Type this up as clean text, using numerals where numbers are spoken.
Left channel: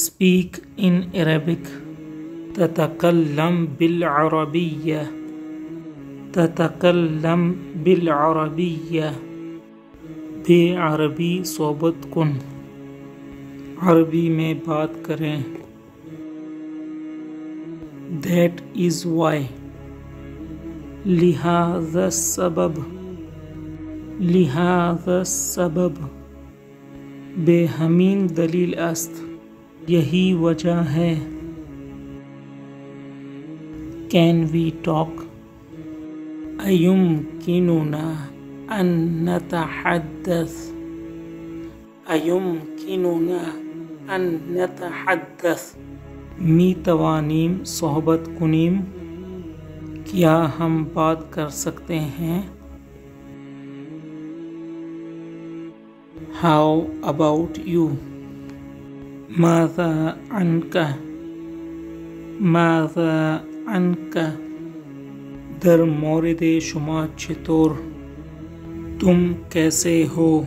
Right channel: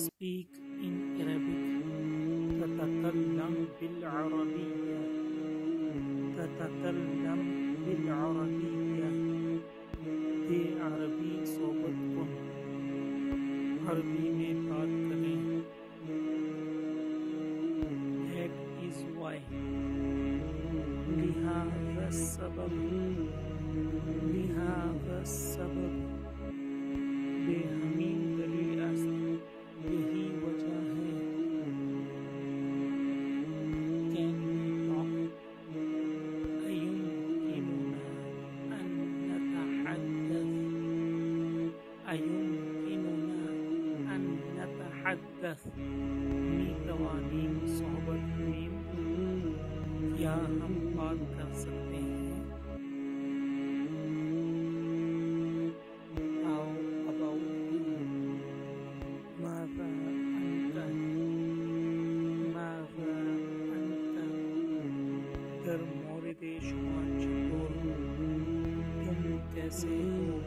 Speak in Arabic. تتكلم بالعربية. تتكلم بالعربية. بے عربی صحبت کن، عربی میں بات کریں. That is why. لہذا السبب. لہذا السبب. بے ہمین دلیل است، یہی وجہ ہے. Can we talk? أيمكننا أن نتحدث؟ أيمكننا أن نتحدث؟ می توانیم صحبت کنیم؟ کیا ہم بات کر سکتے ہیں؟ How about you? ماذا عنك؟ ماذا عنك؟ در مورد شما چطور؟ تم کیسے ہو؟